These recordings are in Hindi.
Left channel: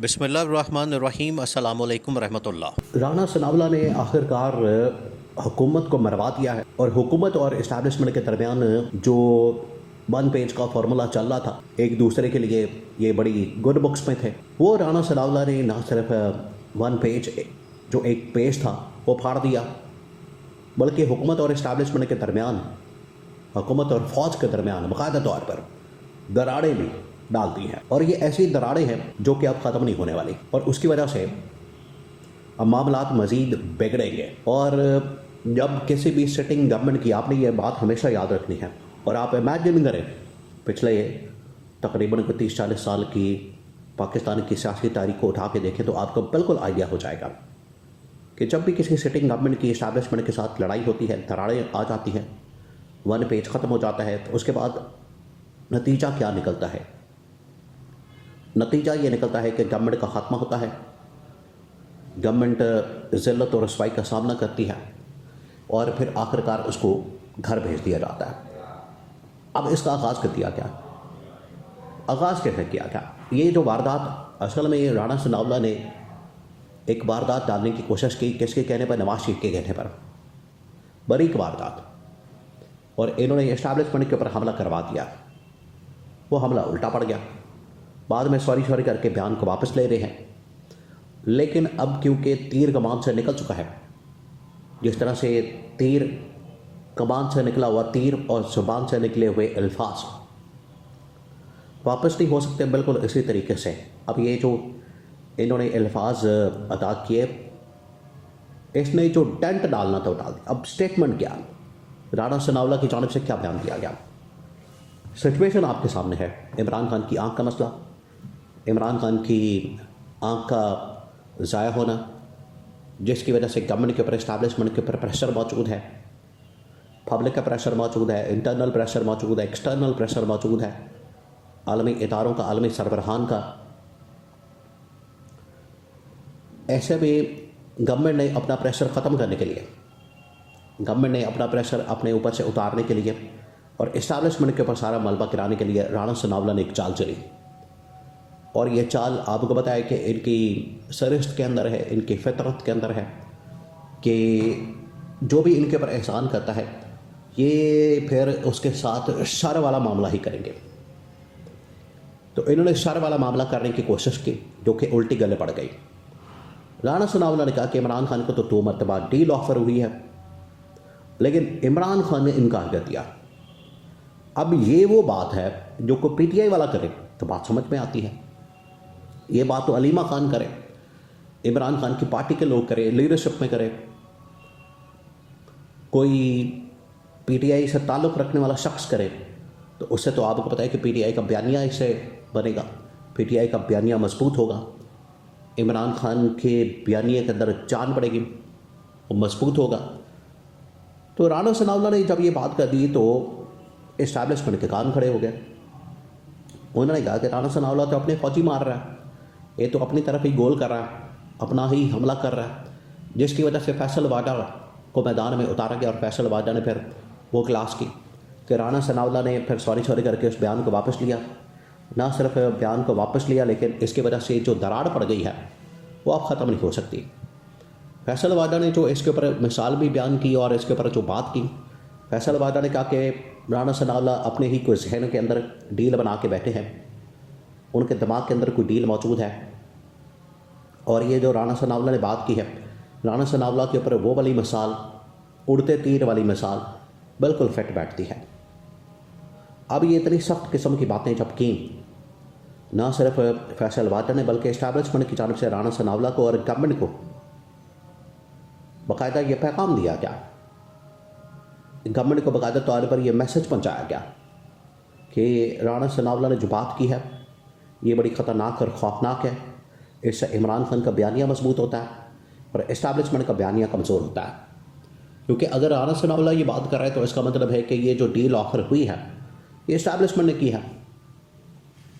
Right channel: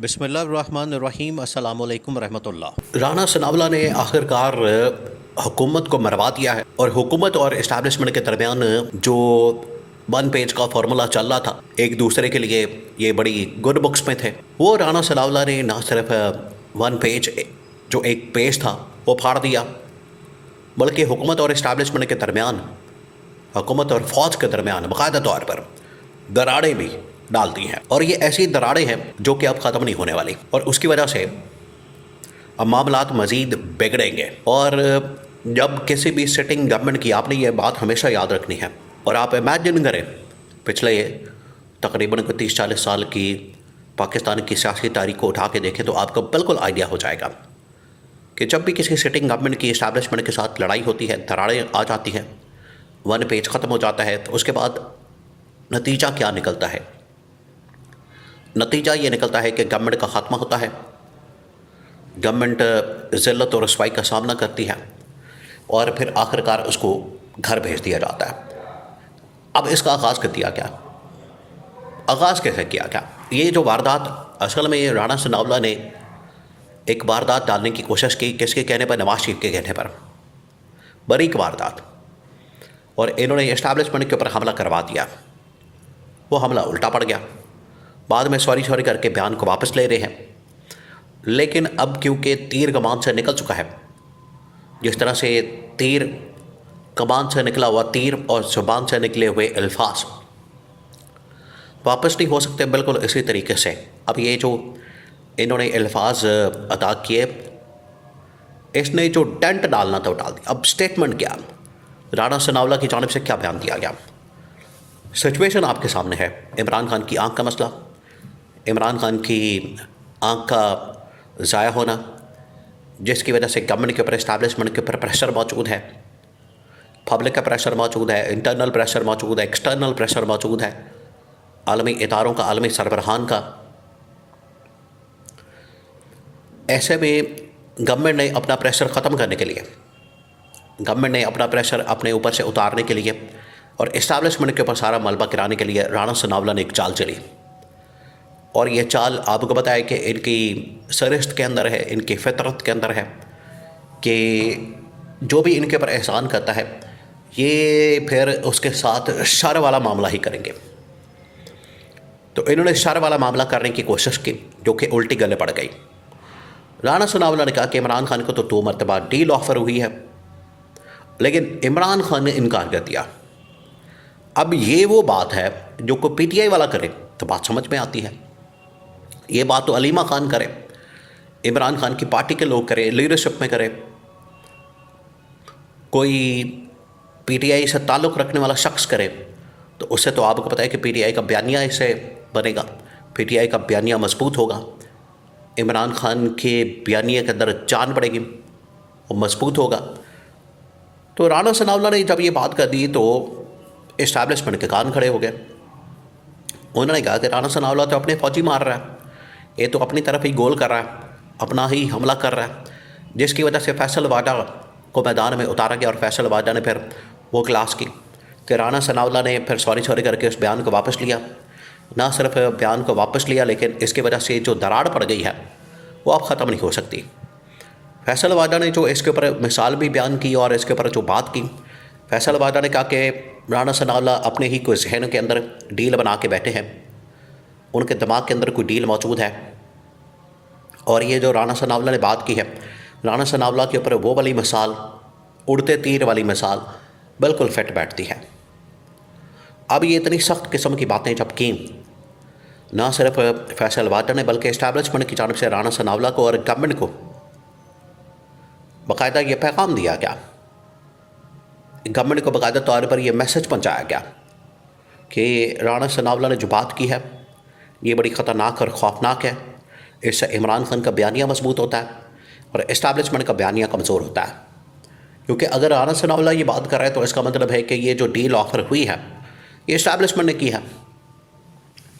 बिस्मिल्लाहिर्रहमानिर्रहीम अस्सलामु अलैकुम रहमतुल्लाह। राणा सनावला ने आखिरकार हुकूमत को मरवा दिया है और हुकूमत और इस्टेब्लिशमेंट के दरमियान जो वन पेज का फार्मूला चल रहा था एक दूसरे के लिए, ये बड़ी गुड बुक्स में थे, वो राणा सनावला ने ना सिर्फ वन पेज जो एक पेज था वो फाड़ दिया, बल्कि हुकूमत और इस्टेब्लिशमेंट के दरमियान, हुकूमत और फ़ौज के दरमियान बाकायदा तौर पर दरारें भी डाल दी हैं। और ये ऐसी दरारें हैं जो कि अब ख़त्म नहीं होने वाली, और उसकी वजह से अब मामलात मज़ीद बिगड़ेंगे। और जब किसी भी सिटिंग गवर्नमेंट की, आपने ये बात हमेशा याद रखनी है, और आप इमेजिन करें पिछले तकरीबन 30-40 साल की पाकिस्तान की सियासी तारीख को उठा के देखें तो आपको बिल्कुल आइडिया हो जाएगा कि जब भी किसी सिटिंग गवर्नमेंट की इस्टेब्लिशमेंट के साथ लड़ाई होती है, दरारें आ जाती हैं, वन पेज ख़त्म हो जाता है, तो उसके बाद नतीजा क्या निकलता है? नतीजा ये निकलता है कि गवर्नमेंट का ख़ात्मा होता है, गवर्नमेंट ज़िल्लत और रसवाई का सामना करती है, और फिर आखिरकार उसको घर भेज दिया जाता है। अब इसका आगाज़ कर दिया क्या? आगाज़ कैसे किया क्या? ये जो वारदात, असल में ये राणा सनावला ने एक वारदात डालने की कोशिश की, किसके कहने पर? नवाज शरीफ के कहने पर, बारीक वारदात, और इन्होंने इस्टेब्लिशमेंट के ऊपर हमला करवा दिया। वो हमला उल्टा पड़ गया, बाद में सॉरी करके बयान को वापस ले रहे हैं। लेकिन अब क्योंकि तीर कमान से निकल चुका है, जिस तरह से तीर कमान से निकला हुआ तीर और ज़ुबान से निकले हुए अल्फाज वापस नहीं हो सकते, बिल्कुल इसी तरीके से अब ये जो इन्होंने अल्फाज अदा किए, इसने जो डेंट डालना था वो डाल दिया। अब स्टेटमेंट क्या, राणा सनावला की जानिब से क्या बयान दिया गया? सिचुएशन आपके सामने है। इमरान खान की आंख का मसला, इमरान खान की आंख का ज़ाया होना, जिसकी वजह से गवर्नमेंट के ऊपर, इस्टेब्लिशमेंट के ऊपर प्रेशर मौजूद है, पब्लिक का प्रेशर मौजूद है, इंटरनल प्रेशर मौजूद है, एक्सटर्नल प्रेशर मौजूद है, आलमी इदारों का, आलमी सरबराहान का। ऐसे में गवर्नमेंट ने अपना प्रेशर ख़त्म करने के लिए, गवर्नमेंट ने अपना प्रेशर अपने ऊपर से उतारने के लिए और इस्टेब्लिशमेंट के ऊपर सारा मलबा गिराने के लिए राणा सनावला ने एक चाल चली। और ये चाल आपको बताया कि इनकी सरिश्त के अंदर है, इनकी फितरत के अंदर है कि जो भी इनके ऊपर एहसान करता है, ये फिर उसके साथ शर वाला मामला ही करेंगे। तो इन्होंने शर वाला मामला करने की कोशिश की, जो कि उल्टी गले पड़ गई। राणा सनावला ने कहा कि इमरान खान को तो 2 मरतबा डील ऑफ़र हुई है, लेकिन इमरान खान ने इनकार कर दिया। अब ये वो बात है जो कोई पीटीआई वाला करे तो बात समझ में आती है। ये बात तो अलीमा खान करे, इमरान खान की पार्टी के लोग करें, लीडरशिप में करें, कोई पीटीआई से ताल्लुक़ रखने वाला शख्स करे, तो उससे तो आपको पता है कि पीटीआई का बयानिया इससे बनेगा, पीटीआई का बयानिया मजबूत होगा, इमरान खान के बयानिया के अंदर जान पड़ेगी, वो मजबूत होगा। तो राणा सनावला ने जब ये बात कर दी तो इस्टेब्लिशमेंट के कान खड़े हो गए। उन्होंने कहा कि राणा सनावला तो अपने फौजी मार रहा है, ये तो अपनी तरफ ही गोल कर रहा है, अपना ही हमला कर रहा है, जिसकी वजह से फैसल वाडा को मैदान में उतारा गया। और फैसल वाडा ने फिर वो क्लास की कि राणा सनावला ने फिर सॉरी करके उस बयान को वापस लिया। ना सिर्फ बयान को वापस लिया, लेकिन इसकी वजह से जो दरार पड़ गई है वो अब ख़त्म नहीं हो सकती। फैसल वाडा ने जो इसके ऊपर मिसाल भी बयान की और इसके ऊपर जो बात की, फैसल वाडा ने कहा कि राणा सनावला अपने ही कोई जहन के अंदर डील बना के बैठे हैं, उनके दिमाग के अंदर कोई डील मौजूद है। और ये जो राणा सनावला ने बात की है, राणा सनावला के ऊपर वो वाली मिसाल, उड़ते तीर वाली मिसाल बिल्कुल फिट बैठती है। अब ये इतनी सख्त किस्म की बातें जब की, ना सिर्फ फैसल वाडा ने बल्कि इस्टेब्लिशमेंट की जानिब से राणा सनावला को और गवर्नमेंट को बाकायदा ये पैगाम दिया गया, गवर्नमेंट को बाकायदा तौर पर यह मैसेज पहुंचाया गया कि राणा सनावला ने जो बात की है ये बड़ी ख़तरनाक और ख़ौफनाक है। इससे इमरान खान का बयानिया मजबूत होता है और इस्टेब्लिशमेंट का बयानिया कमज़ोर होता है। क्योंकि अगर राणा सनावला ये बात कर रहा है तो इसका मतलब है कि ये जो डील ऑफ़र हुई है ये इस्टेब्लिशमेंट ने की है,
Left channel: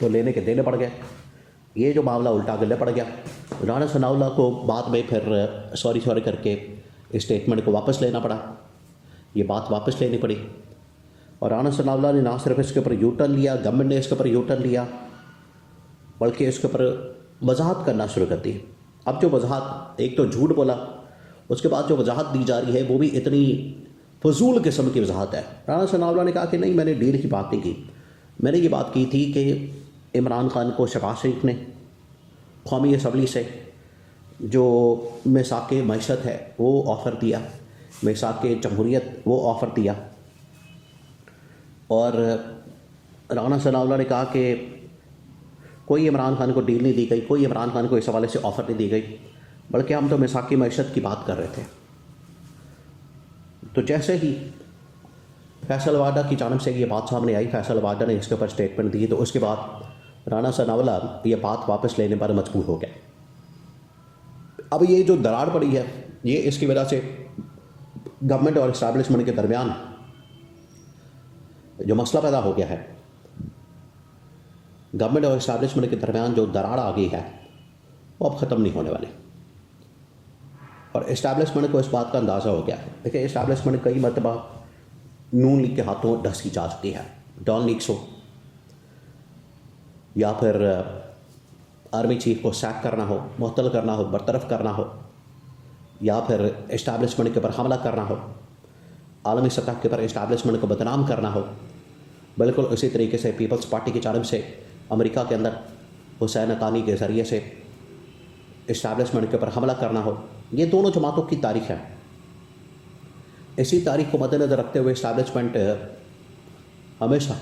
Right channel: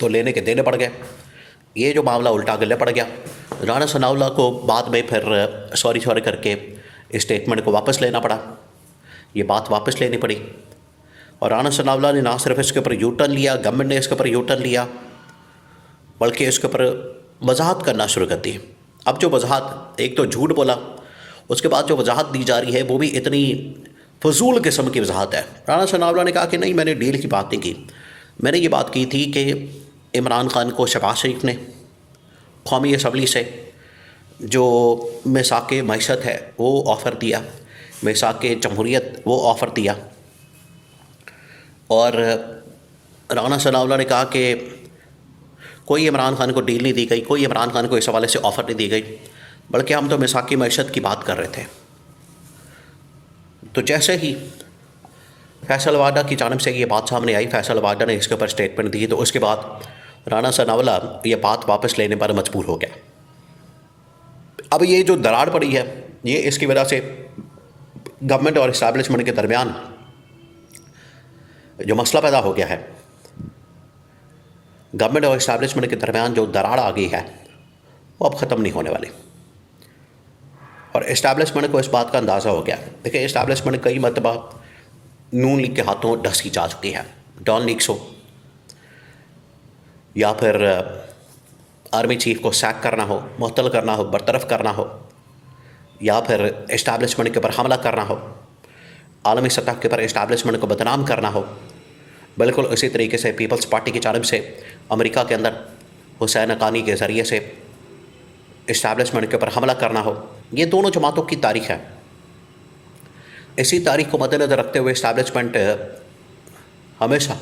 तो लेने के देने पड़ गए। ये जो मामला उल्टा गले पड़ गया, राणा सनावला को बाद में फिर सॉरी करके इस स्टेटमेंट को वापस लेना पड़ा, ये बात वापस लेनी पड़ी। और राणा सनावला ने ना सिर्फ इसके ऊपर यू टर्न लिया, गवर्नमेंट ने इसके ऊपर यू टर्न लिया, बल्कि इसके ऊपर वजाहत करना शुरू कर दी। अब जो वजाहत, एक तो झूठ बोला, उसके बाद जो वजाहत दी जा रही है वो भी इतनी फजूल किस्म की वजाहत है। राणा सनाउल्लाह ने कहा कि नहीं, मैंने डील की बात नहीं की, मैंने ये बात की थी कि इमरान खान को शहबाज शरीफ ने कौमी असम्बली से जो मिसाक मईशत है वो ऑफ़र दिया, मिसाक जमहूरियत वो ऑफ़र दिया। और राणा सनाउल्लाह ने कहा कि कोई इमरान खान को डील नहीं दी गई, कोई इमरान खान को इस हवाले से ऑफ़र नहीं दी गई, बल्कि हम तो मिसाक मईशत की बात कर रहे थे। तो जैसे ही फैसल वाडा की जानिब से ये बात सामने आई, फैसल वाडा ने इसके ऊपर स्टेटमेंट दी, तो उसके बाद राणा सनाउल्लाह ये बात वापस लेने पर मजबूर हो गया। अब ये जो दरार पड़ी है, ये इसकी वजह से गवर्नमेंट और इस्टेब्लिशमेंट के दरमियान जो मसला पैदा हो गया है, गवर्नमेंट और इस्टेब्लिशमेंट के दरमियान जो दरार आ गई है वो अब ख़त्म नहीं होने वाली। और इस्टेब्लिशमेंट को इस बात का अंदाज़ा हो गया। देखिए, इस्टेब्लिशमेंट कई मरतबा नून लीग के हाथों ढसी जा चुकी है। डॉन लीग्स हो या फिर आर्मी चीफ को सैक करना हो, मुअत्तल करना हो, बरतरफ करना हो, या फिर इस्टेब्लिशमेंट के ऊपर हमला करना हो, आलमी सतह के ऊपर इस्टेब्लिशमेंट को बदनाम करना हो। बिल्कुल इसी तरीके से पीपल्स पार्टी की जानिब से अमेरिका के अंदर हुसैन हक्कानी के ज़रिए से इस्टेब्लिशमेंट के ऊपर हमला करना हो। ये दोनों जमातों की तारीख है। इसी तारीख को मद्देनज़र रखते हुए इस्टेब्लिशमेंट हमेशा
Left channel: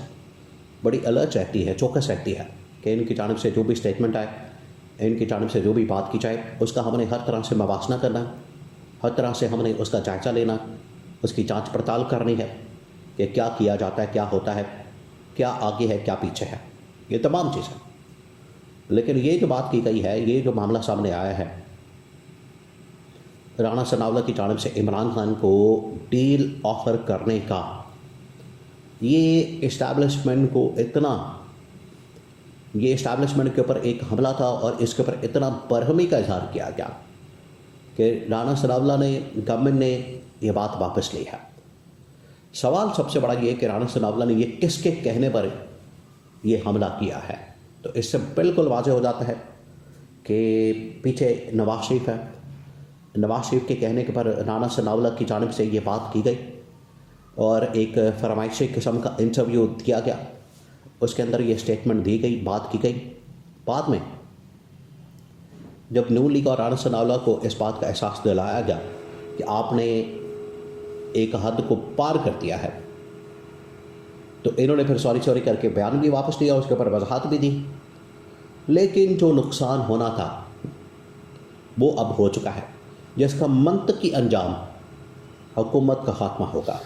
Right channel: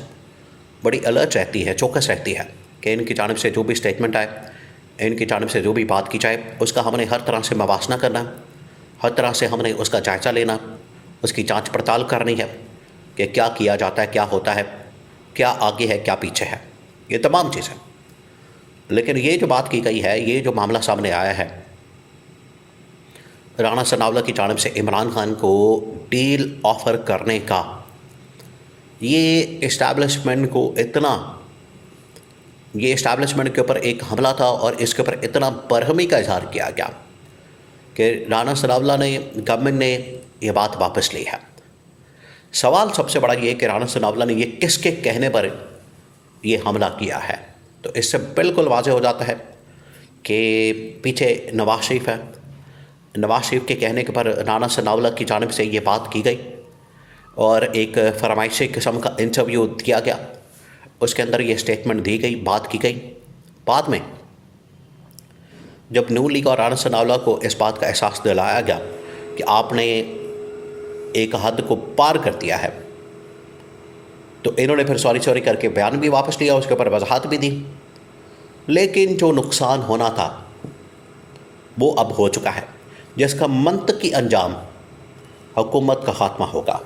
बड़ी अलर्ट रहती है, चौकस रहती है कि इनकी जानिब से जो भी स्टेटमेंट आए, इनकी जानिब से जो भी बात की जाए, उसका हमने हर तरह से मवासना करना, हर तरह से हमने उसका जायज़ा लेना, उसकी जांच पड़ताल करनी है कि क्या किया जाता है, क्या होता है, क्या आगे है, क्या पीछे है, ये तमाम चीज़ें। लेकिन ये जो बात की गई है, ये जो मामला सामने आया है, राणा सनाउल्लाह की जानिब से इमरान खान को डील ऑफ़र करने का, ये इस्टेब्लिशमेंट को इतना, ये इस्टेब्लिशमेंट के ऊपर एक हमला था और इसके ऊपर इतना बरहमी का इजहार किया गया कि राणा सनाउल्लाह ने, गवर्नमेंट ने ये बात वापस ली है। सवाल सबसे बड़ा ये कि राणा सनाउल्लाह ने ये किसके कहने पर ये हमला किया है। तो इससे बिल्कुल वाज़ेह हो जाता है कि पीछे नवाज शरीफ है। नवाज शरीफ के कहने के पर राणा सनाउल्लाह की जानिब से ये बात की गई और एक फरमाइशी किस्म का इंटरव्यू दिया गया, उसके अंदर ये स्टेटमेंट दी गई, बात की गई। बाद में जब नून लीग और राणा सनाउल्लाह को इस बात का एहसास दिलाया गया कि आपने एक हद को पार कर दिया है, तो इन्होंने फिर सॉरी करके बयान भी वापस लिया, उसके ऊपर वजाहत भी दी। लेकिन जो नुकसान होना था वो अब हो चुका है, जिसका मंतकी अंजाम हुकूमत का खात्मा होगा।